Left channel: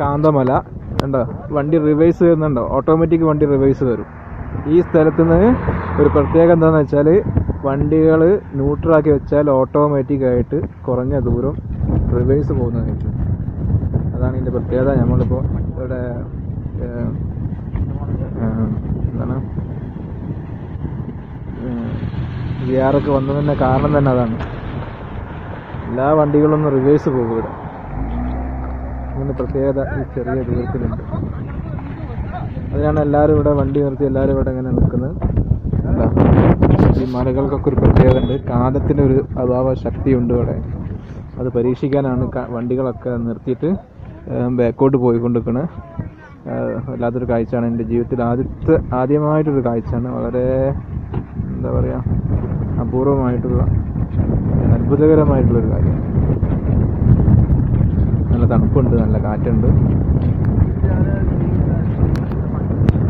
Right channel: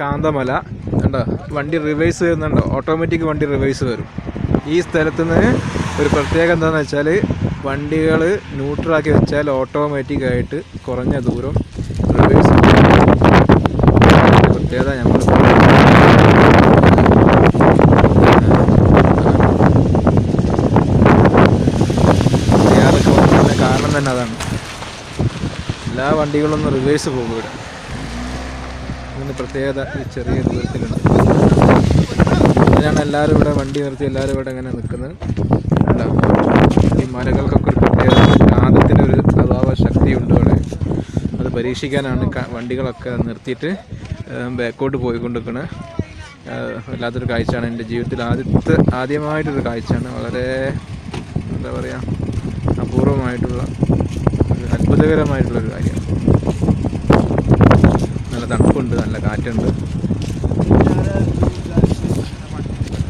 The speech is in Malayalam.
കാന്തമല കണ്ടോ, വണ്ടി റിവേഴ്സ് വരുന്നുണ്ടോ, ഓട്ടോമാറ്റിക് വണ്ടി റിവേഴ്സ് വരും. ഈ സ്ഥലത്ത് നിന്ന് ഒരു പ്രത്യേകത എന്താണെന്ന് വെച്ചാൽ വണ്ടികൾ ന്യൂട്രലാക്കി വെച്ചാൽ ഓട്ടോമാറ്റിക്കായിട്ട് കുറഞ്ഞ ദൂരം റിവേഴ്സ് പ്രത്യേകത നമ്മൾ കാരണം തന്നെ അതാണ്. എല്ലാ വണ്ടികളൊന്നും റിവേഴ്സ് പോകുക പ്രത്യേകത ചെറിയ ദൂരത്തിലുണ്ട്. അങ്ങനെയാണ് എല്ലാവരും ഇവിടെ വണ്ടി നിർത്തി എല്ലാവരും ഇവിടെ ഇങ്ങനെ നിൽക്കുന്നത്. ഈ മലകൾക്കൊക്കെ ഒരു പ്രത്യേക കാന്തത്തിനൊരു പ്രഭാവ ശക്തിയുണ്ട് ഇവിടെ. അത് പരീക്ഷിക്കാനാണ് വണ്ടികളൊക്കെ നിർത്തിയിട്ട് ബാക്കോട്ട് പോയിക്കൊണ്ടിരിക്കുന്നത്. വല്ലാത്തൊരു കാഴ്ചയാണ്. എൻ്റെ ജീവിതത്തിൽ ആദ്യമായിട്ടൊരു കാഴ്ചയാണ്. വളരെ എന്താ പറയുക, അപൂർവമായിട്ടുള്ള അത്ഭുതകരമായിട്ടുള്ളൊരു കാര്യം.